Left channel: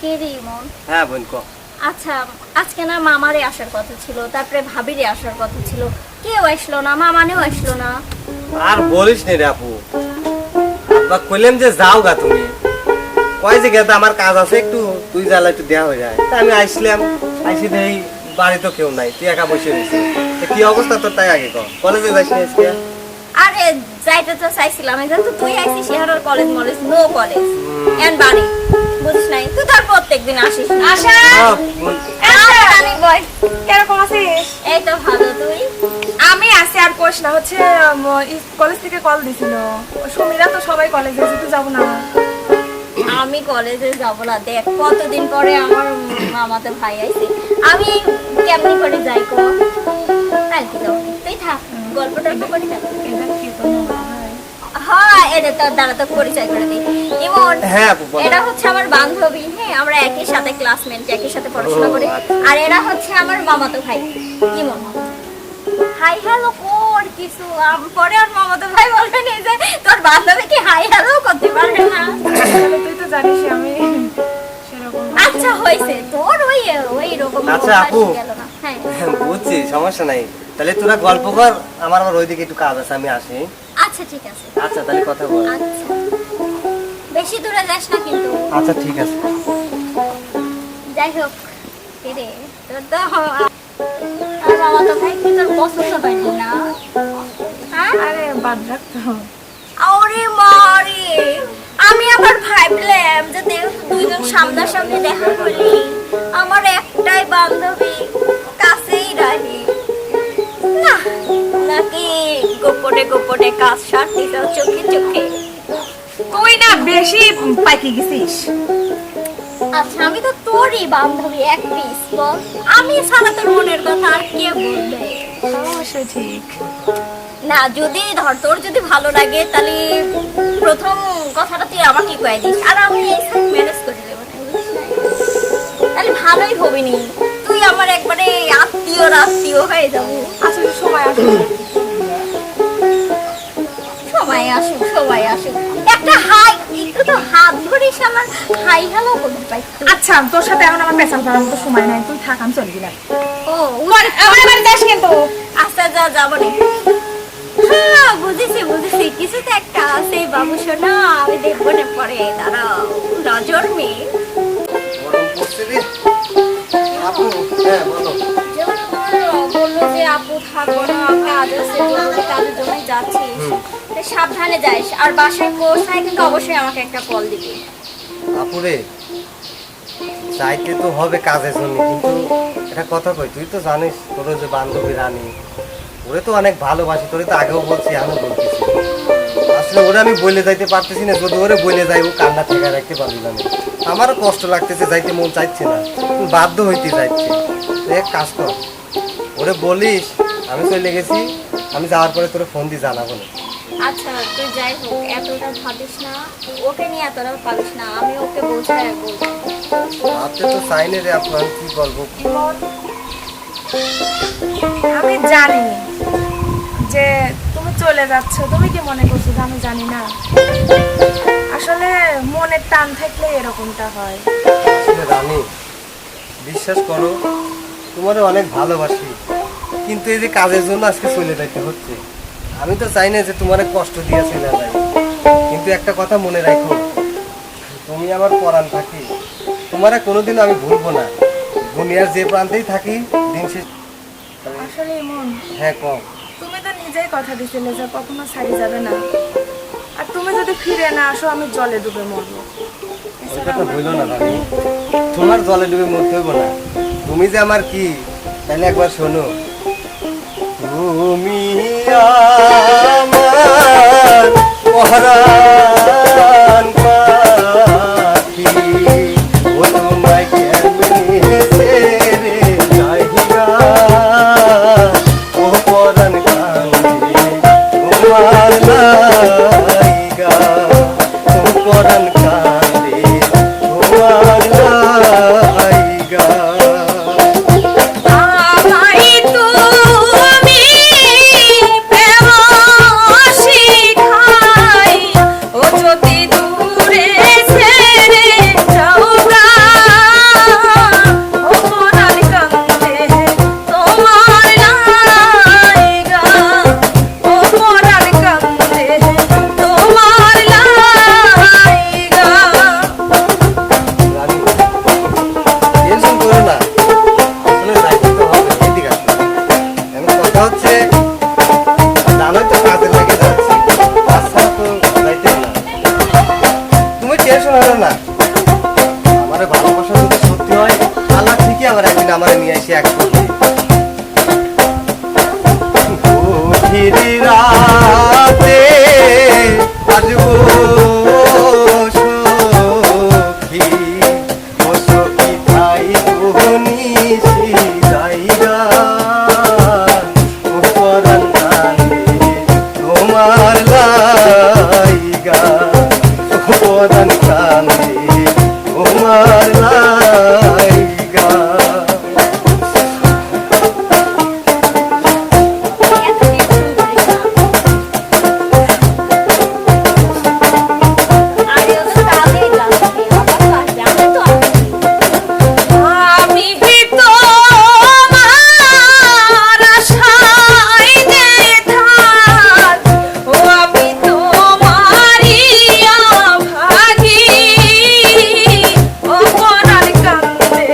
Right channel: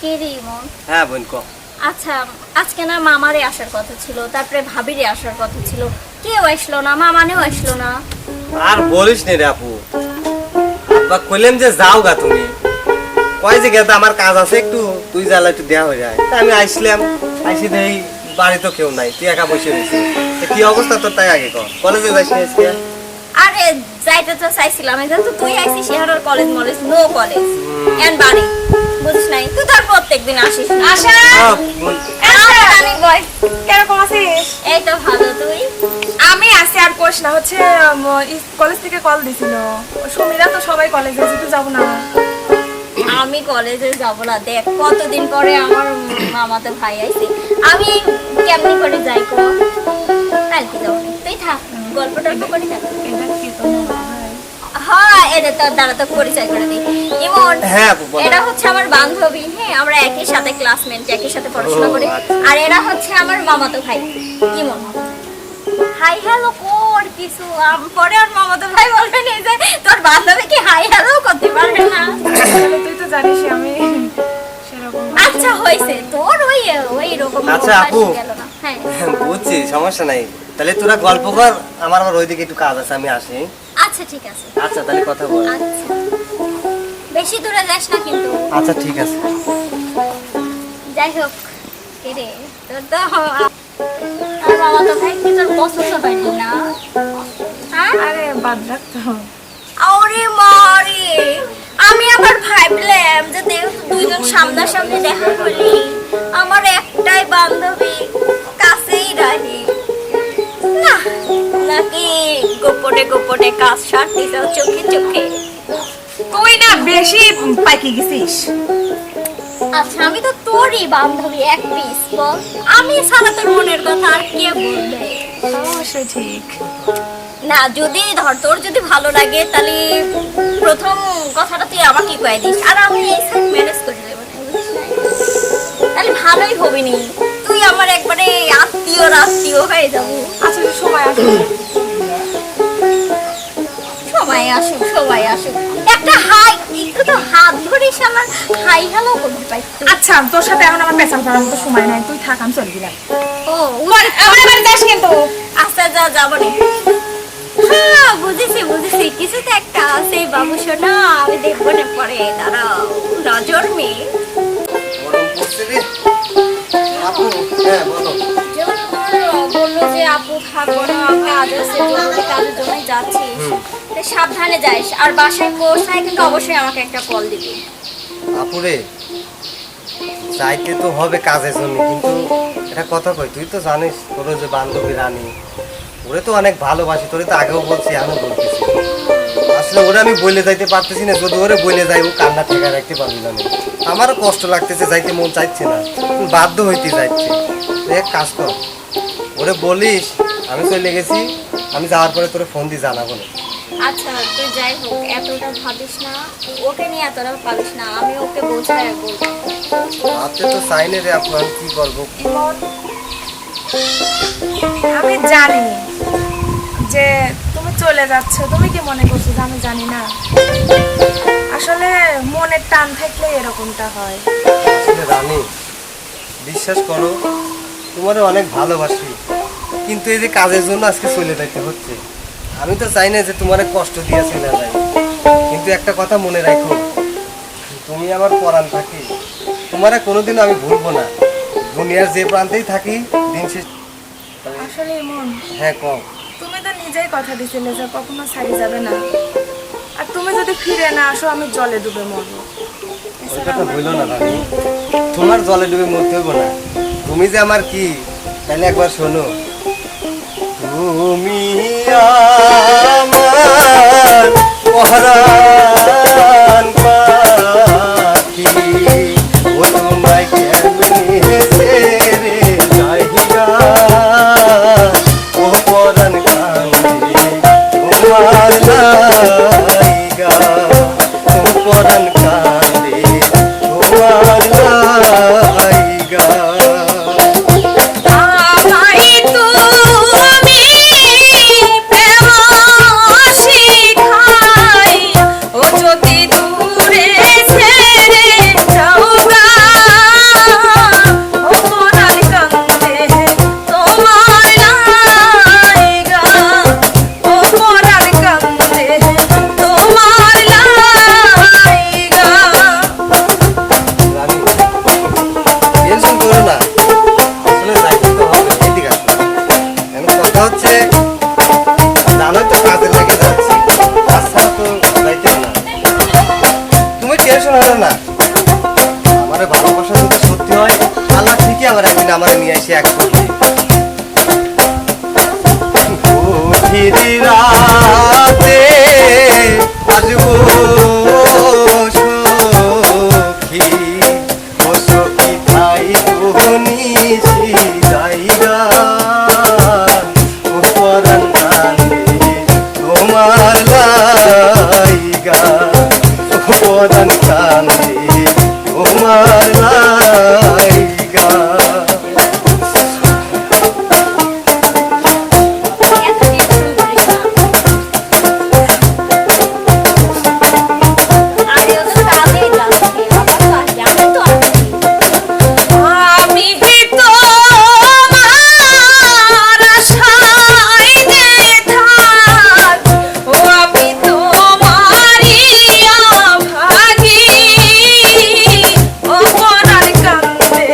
কে রে ইমন? হ্যাঁ বোন কো। আচ্ছা, আজকে না মামারে আসার কথা ছিল, তারপরে ভাবিরে আসার কথা ছিল, কেউ আসলো না, মামানেও আসলো না। আর বলিস নে রে আপু, আব্বা কইলাম যে যাও গা তুমি, কয় যে গেতা আমার কাজ আছে একটু, তুই জ্বালা একটু দেয়া হয়ে যায়। তা আমি আইসলাম, আইসি দেই বাড়ি তো কেউ নাই, তুই একা বসে রয়েছিস। কি অবস্থা তোর তাই আগে কর, কলেজে যাস না আজকে? আরে যাইতে তো চাইছিলাম, কিন্তু তুই আইছিস শেহার কলেজ মলেজ, নো কলেজ এন্ড বাড়ি, বুঝিস নাই? তুই তো আর প্রত্যেকদিন আসিস না। আশা জানি বয়, কিরকম আছিস? এই তো ভালো, তুই? আমি আছি, আর কোশ না, হচ্ছে কলেজ থেকে কল দিছিল, সুমিরা তো সবাই কলেজে, তুই যাবো না? আমি কলেজে যাব না, দেখ কতদিন পরে আমার মামাতো ভাই আইছে, আমি কেমনি করে যাই কো? আর কি যাবো না, তুই থাক, গল্প টল্প করে থাক। এটা কি তোমার ভাই? হ্যাঁ, এটা তোর দ্বারা তো পরিচয় করে দিই। ইমন, হ্যাঁ আপু বলো। এটা হচ্ছে আমার বান্ধবী, হ্যাঁ আমরা একই সাথে ক্লাসমেট, একই সাথে পড়াশোনা করি। আচ্ছা। আর এরা হচ্ছে আমার মামাতো ভাই। ইমন, হাই হ্যালো কর কিছু, পরে আর মামাতো ভাই বলবে না যে তোর বান্ধবী কি হাই হ্যালো করতে পারবে না। তাহলে তুই তো জানিস আমি সেরকম। আচ্ছা হইছে, তোর ওই রকম আচ্ছা, অভ্যাস আপু। গেল না। হ্যাঁ বুঝছি, সমস্যা নাই। তাহলে তোরা গল্প কর, আমার আবার ওইদিকে একটু কাজ আছে, আমি আসি। আচ্ছা ঠিক আছে। আচ্ছা তাহলে কথা বল। আচ্ছা, বেশি দূরে যাস না কিন্তু। আচ্ছা ঠিক আছে। যাই হোক, কে রে তোর তো আর মামা তো ভাই কি তোর পছন্দ হয়নি না? হ্যাঁ, আরে বাদ রাখতো। আরে মারে, আমি আবার ভাবলাম যে দুইজন সামনাসামনি দেখা করলি, আমার একটাই বান্ধবী কাছেই রাখি না, নাকি গোপনে গোপনে কাজ সারতে যাও চোখে চোখে? তুই না বেশি পাইকি গেছিস। আচ্ছা, আমি তো তোরই বান্ধবী এক পিস, বল আমি ছাড়া তোর মনের কথা আর কে বলবে? অবশ্যই ঠিক। না, যদি ধর তোর যদি ভালো লাগে তাহলে প্রথম কথাটা তুই আমাকে কয়ে দিস, আর আমি এই সাইড ম্যানেজ করে দেবো, বুঝিস না? তাহলে ভালোই হবি নি, তুই আমার একবারে আত্মীয় হয়ে যাবো। আচ্ছা সময় আসবে। সবাই আসুক, একটা হাই, একটু তো হাত ধরিস, আমার হাই হ্যালো করতে পাই। আচ্ছা, তোর সাথে এখন আমার পেছাল করার মতো সময় নাই, তুই থাক, আমি চলে গেলাম। ও আমার বাড়ি যাস কিন্তু। আচ্ছা, যাবো নি। হ্যাঁ বুঝেছি, কিছু তো একটা আছে বাবু সোনা, আমি দেখবো না পরে, দাঁড়াও, নজর মেয়ে। গরম পড়ছে রে। আপু, হ্যাঁ বলো। যেমন বললো যে আপু থাকবো না, কাজ আছে, জরুরি কাজের জন্যই যাচ্ছিস, তাই সাবধানে যাইস, আর বাসায় পৌঁছায় কিন্তু অবশ্যই আমাকে একটা কল দিবি। আপুরে, যাইতে তো হবে কাজের জন্য, কিন্তু একটা কথা কই, তুই তো জানিস তোর যে বান্ধবী রানী, ওরে তো অনেক ভালোবাসি, তোরে তো আগেও বলছি, এখনো বলতেছি। আসলে ওরে আমি বলে যাইতে পারতেছি না, যদি ওরে বলে যাই ও কান্না ঠেকা রাখতে পারবি না। আমারও কষ্ট লাগতেছে, যাইতে মন চাইছে না, বাধ্য হইতে যাচ্ছে। তুই এক কাজ কর, ওরে বলিস আমি চলে গেছি, আমি যাওয়ার পরে তোরে ফোন দিয়ে জানাবো না। আচ্ছা, তুই যাই হোক এতটা ভাবিস না, ওকে নিয়ে এতটা ভাবিস না, আমি ওকে বোঝাই বলবো। আপনি তো চাইনে রে আপু, আমি কি করবো? আমি জানি যে তুমি চলে যাচ্ছ, তুমি কি মনে করছো যে আমি জানি না? আসলে মনের টান থাকলে এরকমটা হয়। আসলে রানী, বিশ্বাস করো তোমার অনেক ভালোবাসি, কিন্তু এই যে কাজের জন্য আজকে চলে যেতে হচ্ছে। আমি তো চাই না যে তোমার কষ্ট দিয়ে চলে যাই, কিন্তু একটা কথা মনে রাখো, তুমি আমার পরাণ থাকি, তোমার কোনোদিন আমি ভুলবো না, দুনিয়ার যে প্রান্তেই থাকি দিন শেষ। আসলে মন, হ্যাঁ কম। তুমি তো নিজেই কথা দিছিলে যে কখনো ছাড়ি যাবে না, আর তুমি যদি ফিরে না আসো আমি জলে ডুবে মরবো। ওই কথা বললো না রানী, তোমার জলে ডুবে মরতে হইব না, তুমি যে আমার কি, তাহলে একবার শোনো। তুমি আমার পরাণ পাখি, ও তোমায় কেমনে ছেড়ে যাইয়া, ও পরাণ কান্দে তোমার লাইগা, ও পরাণ কান্দে তোমার লাইগা। আমায় তুমি প্রেম শিখাই, ও করে ভালোবাসা যদি সত্যি হয় আল্লাহ ঠিকই আবার একদিন আমার নিয়ে এসে এক করবে। গভীর রাতে আসবো সখী, ও সখী ঠাই নিশি যাইরা, ও পরাণ কান্দে তোমার লাইগা, ও পরাণ কান্দে তোমার লাইগা। এত টেনশন করিস না। আরে ও তো কাজেই যাচ্ছে, আবার তো আসবে, আমি তো আসছি। আমি তোমার আশায় যে থাক, ও আমি তোমারই অভাগী, ও পরাণ কান্দে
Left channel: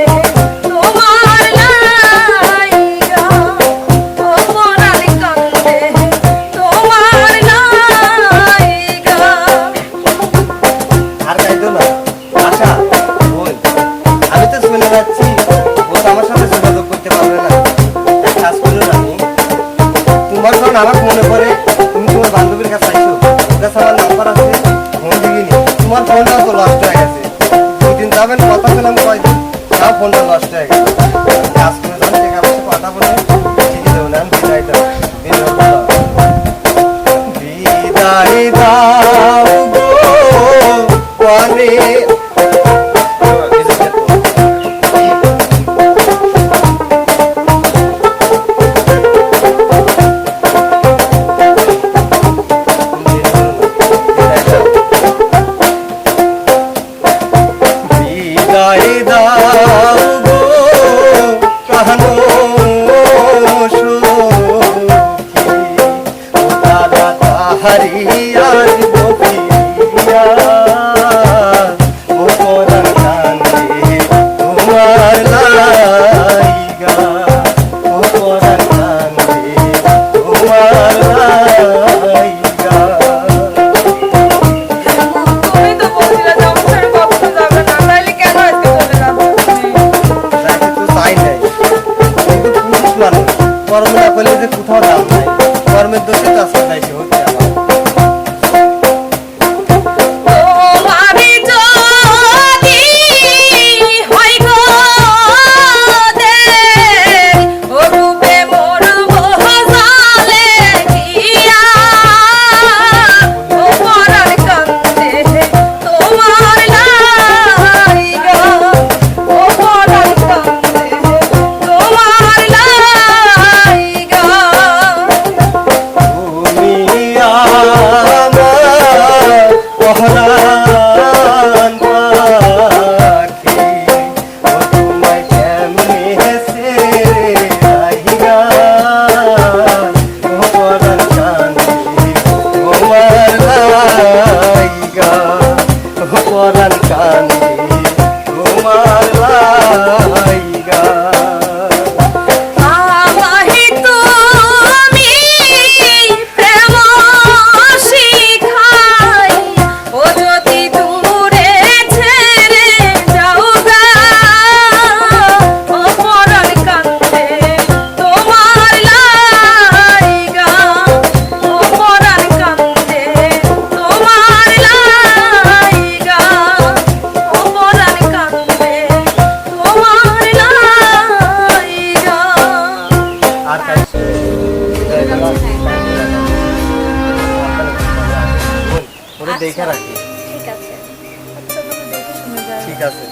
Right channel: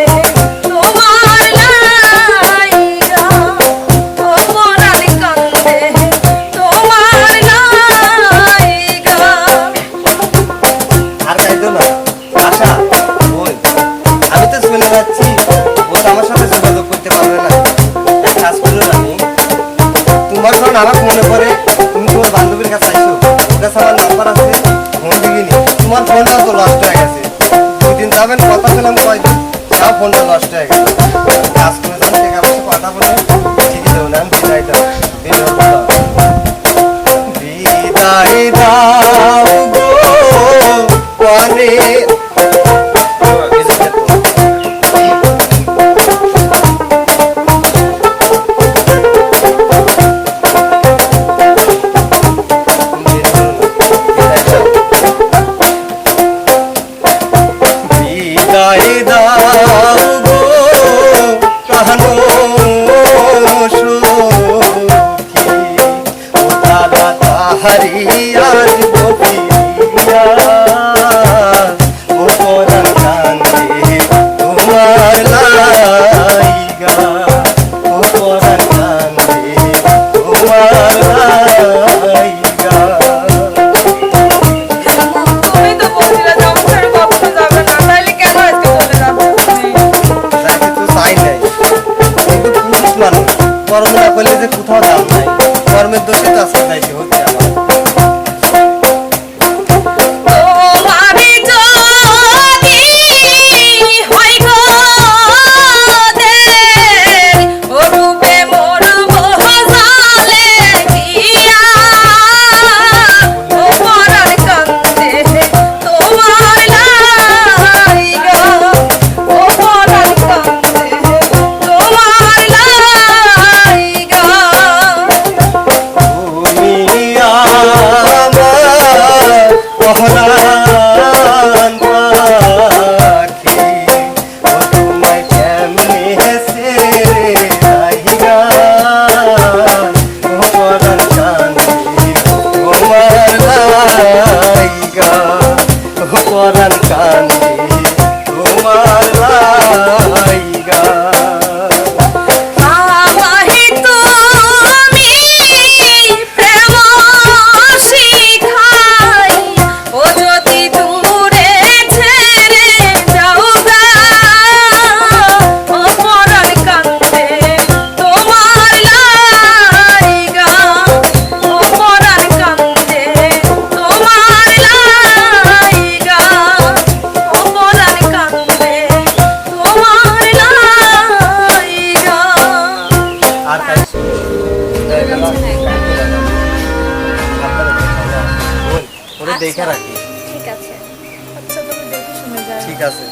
তোমার লাইগা, ও পরাণ কান্দে তোমার লাইগা। আর কাইদো না আশা, বোন, আমি তো শুনে যাচ্ছি ও তো আমার সাথে যোগাযোগ করতে পারবে না। এক কাজ করলো রানী, তোমার যখন আমার মনে পড়ে তুমি তোমার বান্ধবীর কাছে আইসো, ওর কাছে আমার নাম্বার আছে, ফোন দিবিনি। তোমার ফোনটাও তো লস্ট হয়ে গেছে, দুদিন যাবেন কথা ছিলাম কয়দিন, তাও ফোনটা লস্ট হয়ে গেছে। কাজ করে যখন টাকা পয়সা কথা বলে ঠিকই দেবো না, আমি বিদায় দাও, বিদায় দাও গো পানে। বিদায় দাও গো কাহানো সখী, ও তারা তাহারি আসব ফিরিয়া, ও পরাণ কান্দে তোমার লাইগা, ও পরাণ কান্দে তোমার লাইগা। তুমি তো বলছিলে যে আমার ছেড়ে কখনো যাবে না, তাইলে কেন আজকে চলে যাচ্ছ তুমি? যাইতে তো চাই নাই, কিন্তু পুরুষ মানুষ কর্ম না করলে যে কোথাও দাম নাই, কর্মের দোষে তো আজকে যাইতে হচ্ছে আমার। তোমারই যদি হয় গো দের, ও রূপে মরব জালে দিয়া, ও পরাণ কান্দে তোমার লাইগা, ও পরাণ কান্দে তোমার লাইগা। তুমি আমার পহরান পাখি, ও তোমায় কেমনে ছেড়ে যাইগা, ও পরাণ কান্দে তোমার লাইগা, ও পরাণ কান্দে তোমার লাইগা। আমাহি তুমি প্রেম শিখাই, ও যদি দূরে ছেড়ে যাও গা, ও পরাণ কান্দে তোমার লাইগা, ও পরাণ কান্দে তোমার লাইগা, ও পরাণ কান্দে তোমার লাইগা। আর কাজ ওরে দেখে রাখি। ঠিক আছে। আচ্ছা, তুমি দেখে শুনে যাও। ঠিক আছে।